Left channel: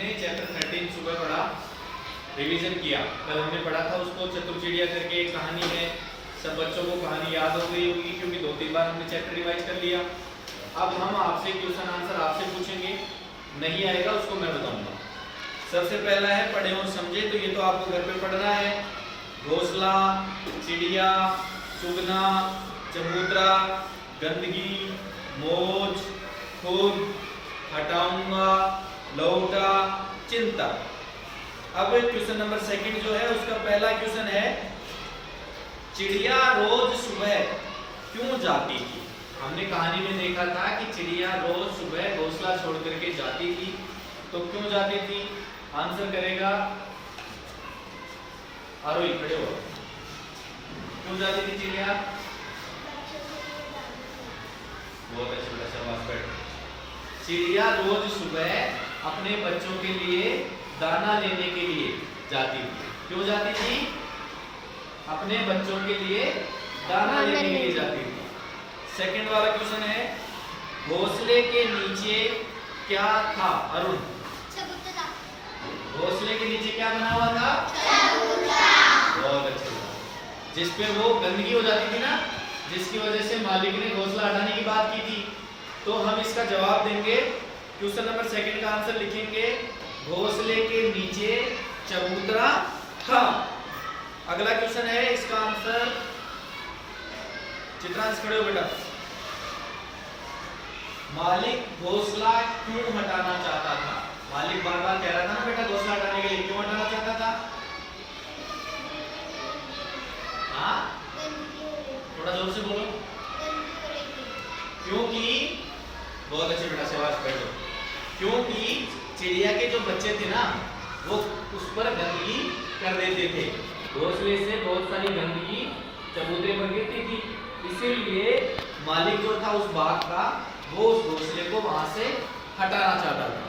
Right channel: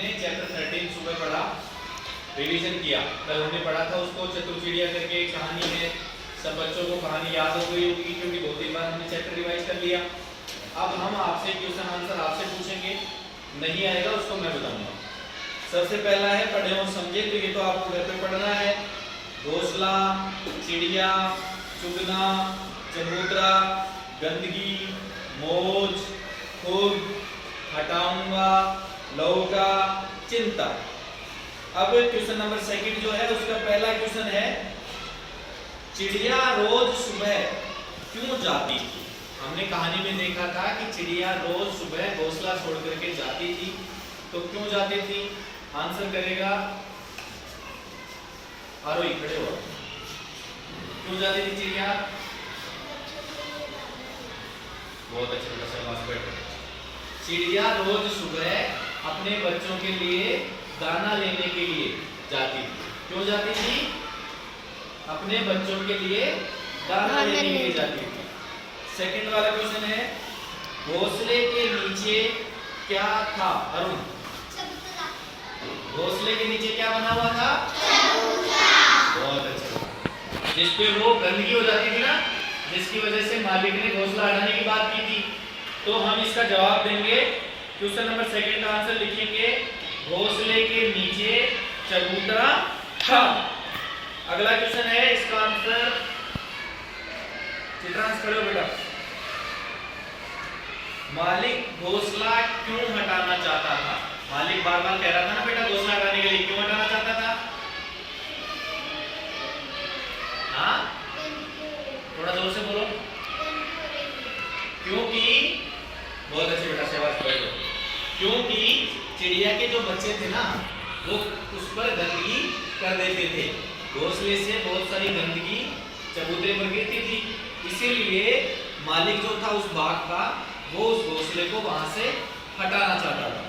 हमने चैप्टर 13 सुबह पढ़ा, रिवीजन किया। कल हमने पढ़ा था उसको, चतुर्चिड़िया करके एक कहानी है। सब बच्चों को कहानी याद हो गई होगी क्योंकि 2-3 बार हमने चैप्टर रिवाइज कर लिया। अब हम आपसे क्वेश्चन आंसर आपसे पूछेंगे, नहीं आएगा उसको मैं बताऊंगा। सबसे पहला है पढ़े और समझे, तो ये तो आपको घर पे पढ़ना है। घोंसला, चिड़िया, चुगना, चबूतरा, गंदगी, मौज, खुद, हटाऊंगा, लौटा, चिंता। अब क्वेश्चन नंबर 2 जो है उसका पहला क्वेश्चन है, चिड़िया रोज सुबह क्यों जाती थी? हमने कहानी में देखा था कि चिड़िया रोज सुबह घोंसला छोड़ करके जाती थी, तो क्यों जाती थी? आंसर करेगा आरोही, खड़े हो। क्यों जाती थी चिड़िया? बहुत अच्छे बेटा, शाबाश, बैठो। चिड़िया रोज सुबह अपने बच्चों के लिए दाना लेने के लिए जाती थी। क्यों जाती थी? अपने बच्चों के लिए दाना लेने के लिए जाती थी। सेकंड वाला क्वेश्चन है, घोंसले के नीचे क्या था? अरुण, घोंसले के नीचे क्या बना हुआ था? बहुत अच्छा। जिसपे वो गंदगी हो जाती थी ना, जिसकी वजह से मालिक ने घोंसला हटाने की बात की थी। तो हम इसका जवाब देंगे, क्वेश्चन नंबर 2 का आंसर लिखेंगे, घोंसले के नीचे चबूतरा था। अगला क्वेश्चन है, इसका आंसर चित्रांश, खड़े हो बेटा। मालिक घोंसला क्यों हटाना चाहता था? मालिक बार बार कह रहा था ना बेटा घोंसला हटाने के लिए, क्यों हटाना चाहता था? हाँ, थोड़ा जोर से बोलो। क्योंकि, बहुत अच्छे बेटा, शाबाश, बैठो। क्योंकि चिड़िया के जो बच्चे थे ना, वो उस पर गंदगी कर देते थे। घोंसले से बहुत सारी गंदगी चबूतरे पर गिरती थी, इसीलिए मालिक जो था उस बाघ का, वो उस घोंसले को वहां से हटाना चाहता था।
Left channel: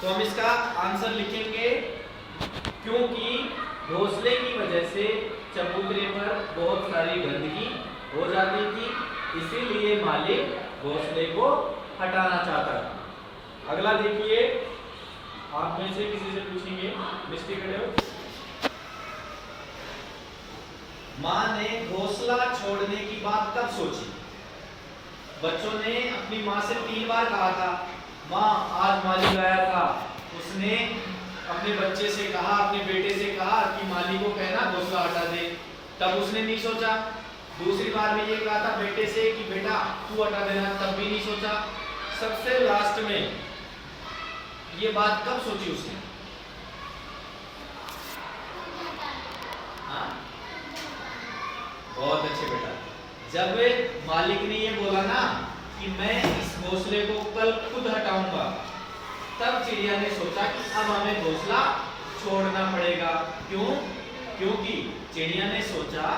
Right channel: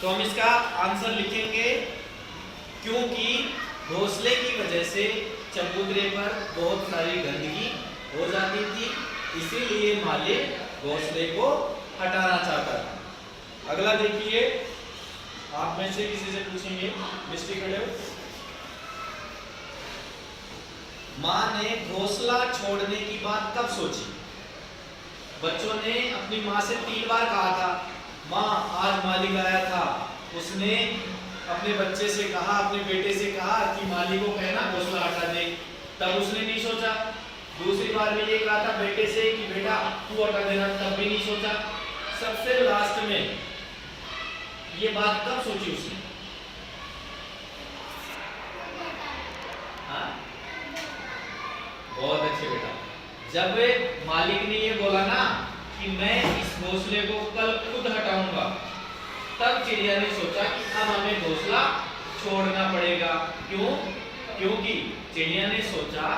तो हम इसका आंसर लिखेंगे, क्योंकि घोंसले की वजह से चबूतरे पर बहुत सारी गंदगी हो जाती थी, इसीलिए मालिक घोंसले को हटाना चाहता था। अगला देखिए, आप में से किसी से पूछेंगे, मिस्टी खड़े हो। माँ ने घोंसला छोड़ने की बात कब सोची? बच्चों ने अपनी माँ से 3 बार कहा था, माँ आज मालिक आया था, उसने अपने बच्चे से कहा, अपने बेटे से कहा कि मालिक को कहना घोंसला हटा दे। तब उसने नहीं सोचा। दूसरी बार में ये कहा था बेटे से कि बेटा तू हटा देना, तब भी नहीं सोचा। सबसे लास्ट में ये बात कब सोची उसने? हाँ, बहुत अच्छे बेटा, जब मालिक ने ये बोला ना कि मैं इस घोंसले को कल खुद हटाऊंगा, तब चिड़िया ने सोचा कि अब हमें घोंसला छोड़ना पड़ेगा। क्यों? क्योंकि चिड़िया ने सोचा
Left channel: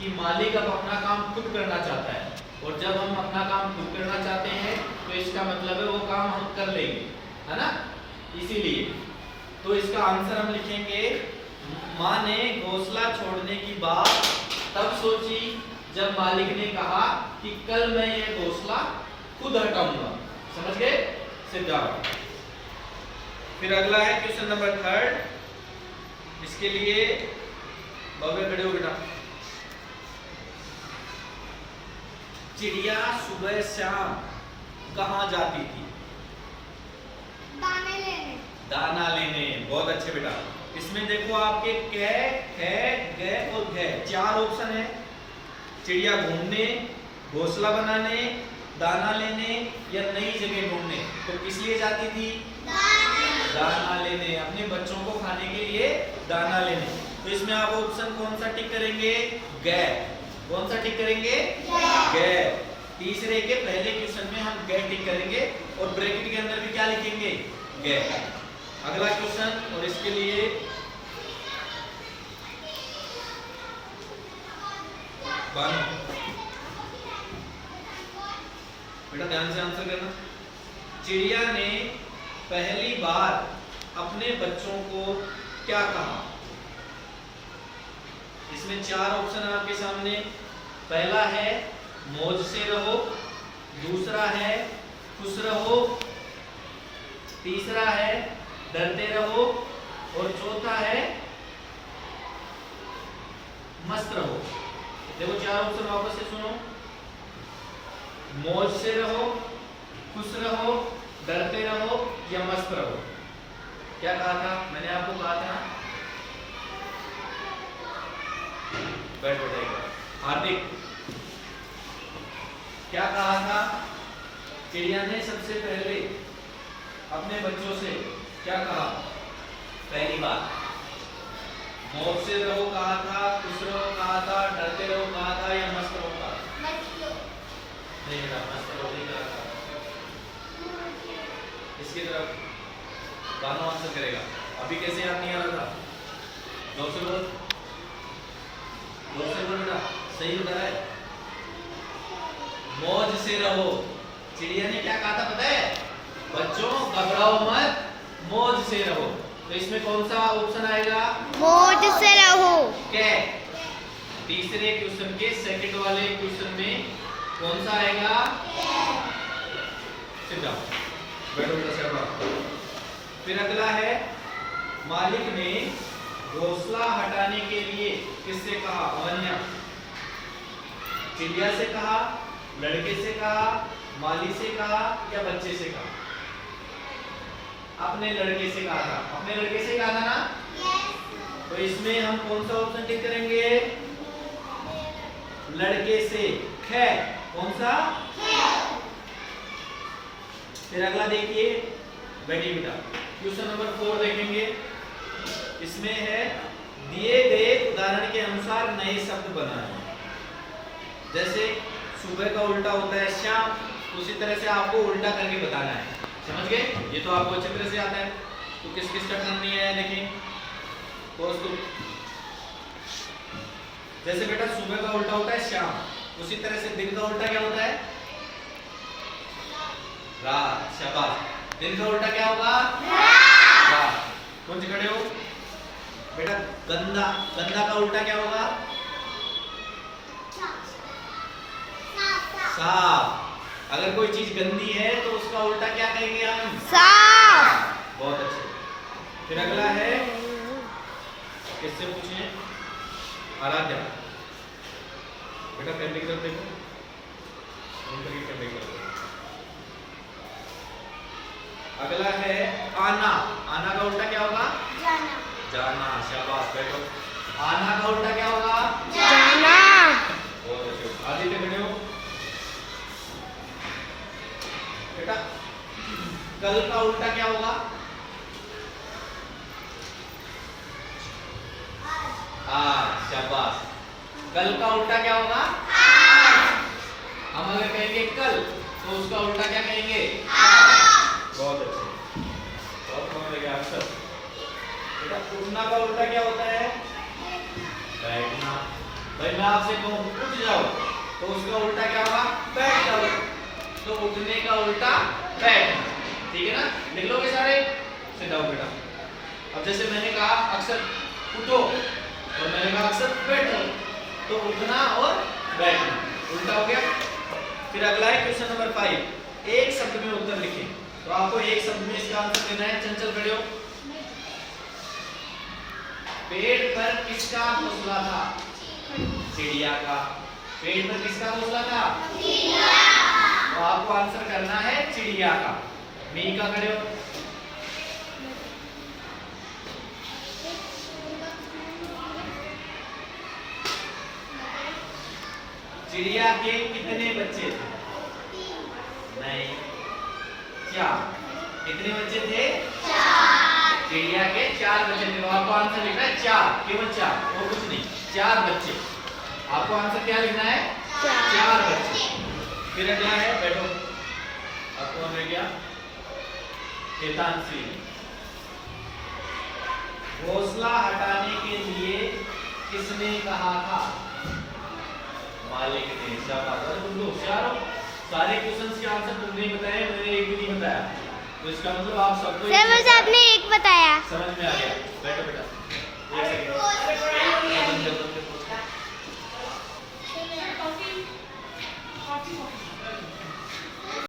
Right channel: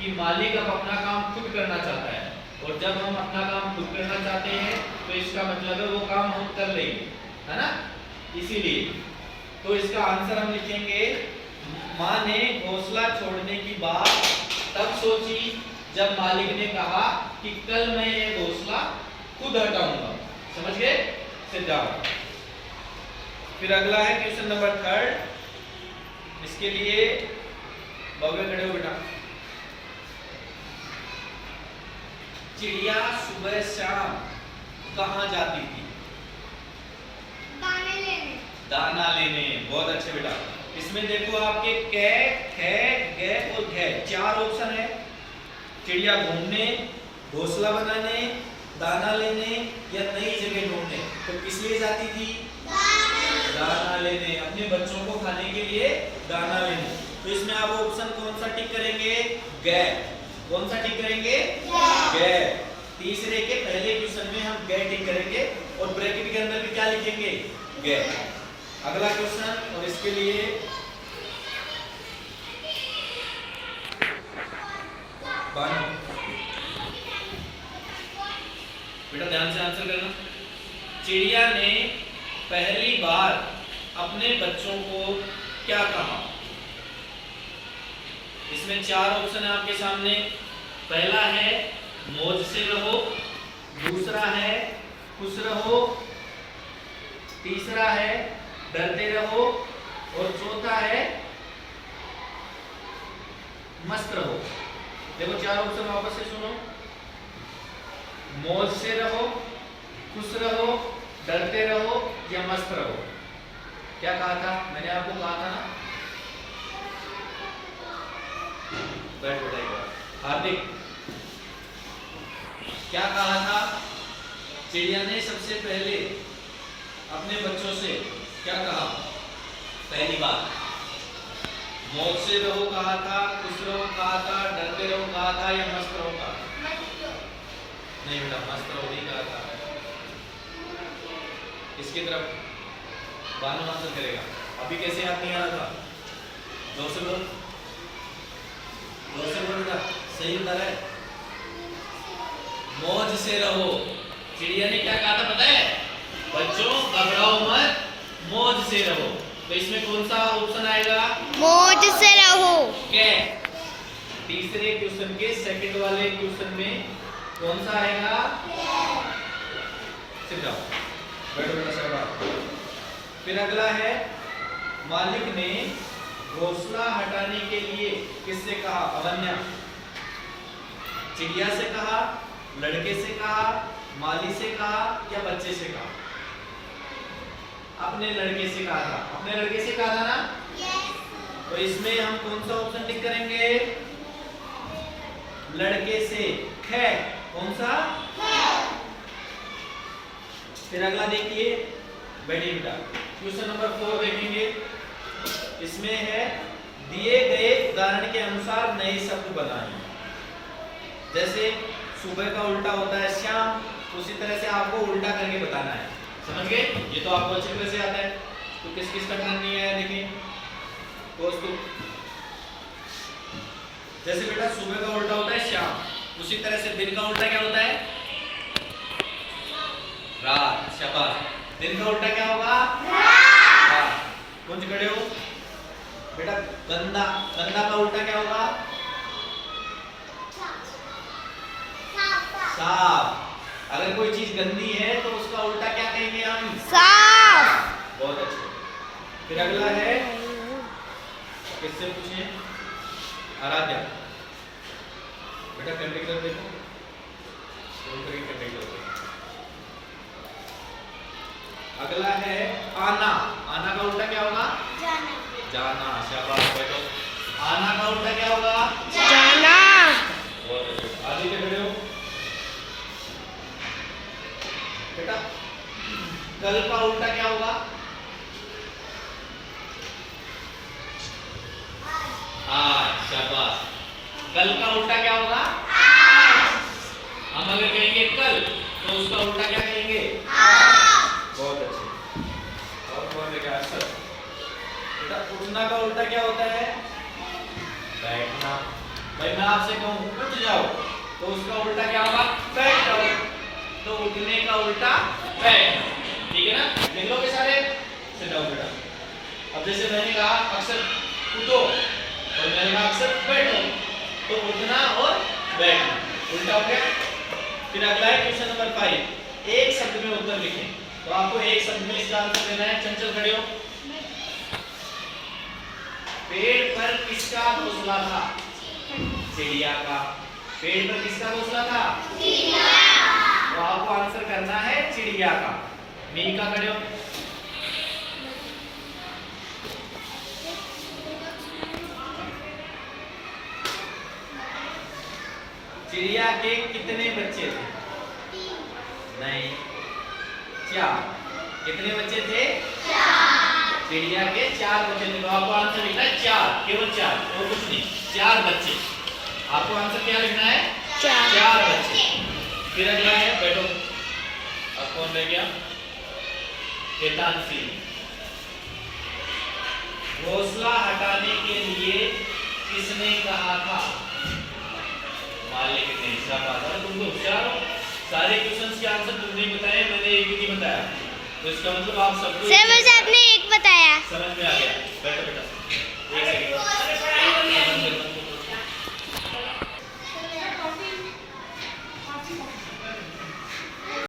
कि मालिक अब अपना काम खुद करना चाहता है, और जब हम अपना काम खुद करना चाहते हैं तो इसका मतलब है वो काम हम कर लेंगे, है ना? इसीलिए तो इसका आंसर हम लिखेंगे, माँ ने घोंसला छोड़ने की बात तब सोची जब मालिक ने कहा कि कल मैं ये घोंसला खुद हटाऊंगा। समझ गए? सिद्धांत। फिर अगला है क्वेश्चन नंबर 3, इसके लिए बाबू खड़े हो बेटा। चिड़िया सुबह शाम कहाँ जाती थी? दाने लेने। दाना लेने। बहुत अच्छे बेटा। इसमें देखो आपके कै, खे, गे और घे 4 ऑप्शन है। चिड़िया घूमने, घोंसला बनाने, दाना लेने या नई जगह ढूंढने। तो किस लिए जाती थी? दाना लेने, अपने बच्चों को खाने के लिए दाना लेने। तो इसमें आप ऑप्शन कौन सा टिक करेंगे? गे। कौन सा टिक करेंगे? गे। तीसरे के पहले क्वेश्चन में हम गे टिक करेंगे और ब्रैकेट के अंदर भी क्या लिखेंगे? गे। अगला क्वेश्चन, और इसके लिए बेटा ध्यान से आंसर करना। चिड़िया ने पहली बार अपने बच्चों को क्या कहा? इसमें 4 ऑप्शन है आपके सामने। पहला है मौज से रहो, दूसरा है खुश रहो, तीसरा है डरते रहो, और चौथा है मस्त रहो। देखो 4 ऑप्शन वापस से सुनो, मौज से रहो, खुश रहो, डरते रहो या मस्त रहो। क्या कहा था मैंने आपको, कहा था ना, बैठ बैठा हार्दिक, क्या कहा था चिड़िया ने सबसे पहले अपने बच्चों से, क्या कहा? पहली बात मौज से रहो कहा था, खुश रहो कहा था, डरते रहो कहा था या मस्त रहो कहा था? नहीं बेटा, मस्त रहो नहीं कहा था। इसकी तरफ गाना आंसर करेगा। अभी कैसे याद नहीं आ रहा था? जोर से बोल, जोर से बोल बेटा, सही बता रहा है। मौज से रहो। चिड़िया ने क्या कहा था पता है? बच्चों घबराओ मत, मौज से रहो। तो इसमें कौन सा ऑप्शन आएगा? मौज से रहो। क्या? तीसरे क्वेश्चन के सेकंड वाले क्वेश्चन में कौन सा आएगा? सिट जाओ, बैठो बेटा साहब। फिर अगला है, मालिक ने घोंसला हटाने के लिए किससे कहा? अवन्या, चिड़िया से कहा, लड़के से कहा, माली से कहा या बच्चे से कहा? अपने लड़के से कहा था। अपने लड़के से कहा था ना? तो इसमें हम कौन सा ऑप्शन टिक करेंगे? लड़के से, ख। कौन सा? फिर अगला देखिए, बैठिए बेटा, क्वेश्चन नंबर 4 देखेंगे। इसमें है, दिए गए उदाहरण के अनुसार नए शब्द बनाइए। जैसे सुबह का उल्टा होता है शाम, उसी तरह से आपको उल्टा करके बताना है। समझ गए? ये तो आपको अच्छी तरह से आता है। तो किस किस का टर्न नहीं आया देखें दोस्तों। जैसे बेटा सुबह का उल्टा होता है शाम, उसी तरह से दिन का उल्टा क्या होता है? रात। शाबाश। दिन का उल्टा क्या होगा? रात। कौन से खड़े हो बेटा? गंदा। गंदा का उल्टा क्या होगा? साफ। अगर कोई चीज गंदी है तो उसका उल्टा क्या कहेंगे हम? साफ। बहुत अच्छे। फिर अगला है, किससे पूछे? आराध्या, बेटा कैमरे की तरफ देखो, कैमरे की तरफ। अगला है आना। आना का उल्टा क्या होगा? जाना। जाना। शाबाश बैठो। आना का उल्टा क्या होगा? जाना। बहुत अच्छे। आगे के खड़े हो बेटा। कल का उल्टा क्या होगा? आज। शाबाश। कल का उल्टा क्या होगा? आज। हम अगर कहेंगे कल तो उसका उल्टा क्या कहेंगे? आज। बहुत अच्छे। और कौन रहेगा? अक्सर बेटा, उठना का उल्टा क्या होता है? बैठना। भाई मैं आपसे कहूँ उठ जाओ तो उसका उल्टा क्या होगा? बैठ जाओ। तो उठने का उल्टा बैठ। ठीक है ना? लिख लोगे सारे? सिट डाउन बेटा। अब जैसे मैंने कहा अक्सर उठो और मैंने कहा अक्सर बैठो, तो उठना और बैठना उल्टा हो गया। फिर अगला है क्वेश्चन नंबर 5। एक शब्द में उत्तर लिखें। तो आपको एक शब्द में इसका आंसर देना है। चंचल खड़े हो। पेड़ पर किसका घोंसला था? चिड़िया का। पेड़ पर किसका घोंसला था? चिड़िया। तो आपको आंसर करना है चिड़िया का। मीका खड़े हो। चिड़िया के कितने बच्चे थे? नहीं, 4। कितने बच्चे थे? 4। चिड़िया के 4 बच्चे थे। तो आपको आंसर लिखना है 4, केवल 4 और कुछ नहीं। 4 बच्चे। आपको आंसर क्या लिखना है? 4 बच्चे। फिर अगला है, बैठो। अब कौन रह गया? हेतांशी। घोंसला हटाने के लिए किसने कहा था? मालिक ने। शाबाश। अरे तुम तो होशियार हो। सारे क्वेश्चंस के आंसर तुमने ही बताए, मैंने एक भी नहीं बताया। तो इसका मतलब आप सबको सर बस आपने एक बताया। समझ में आ गया। बैठो बेटा, एक सेकंड।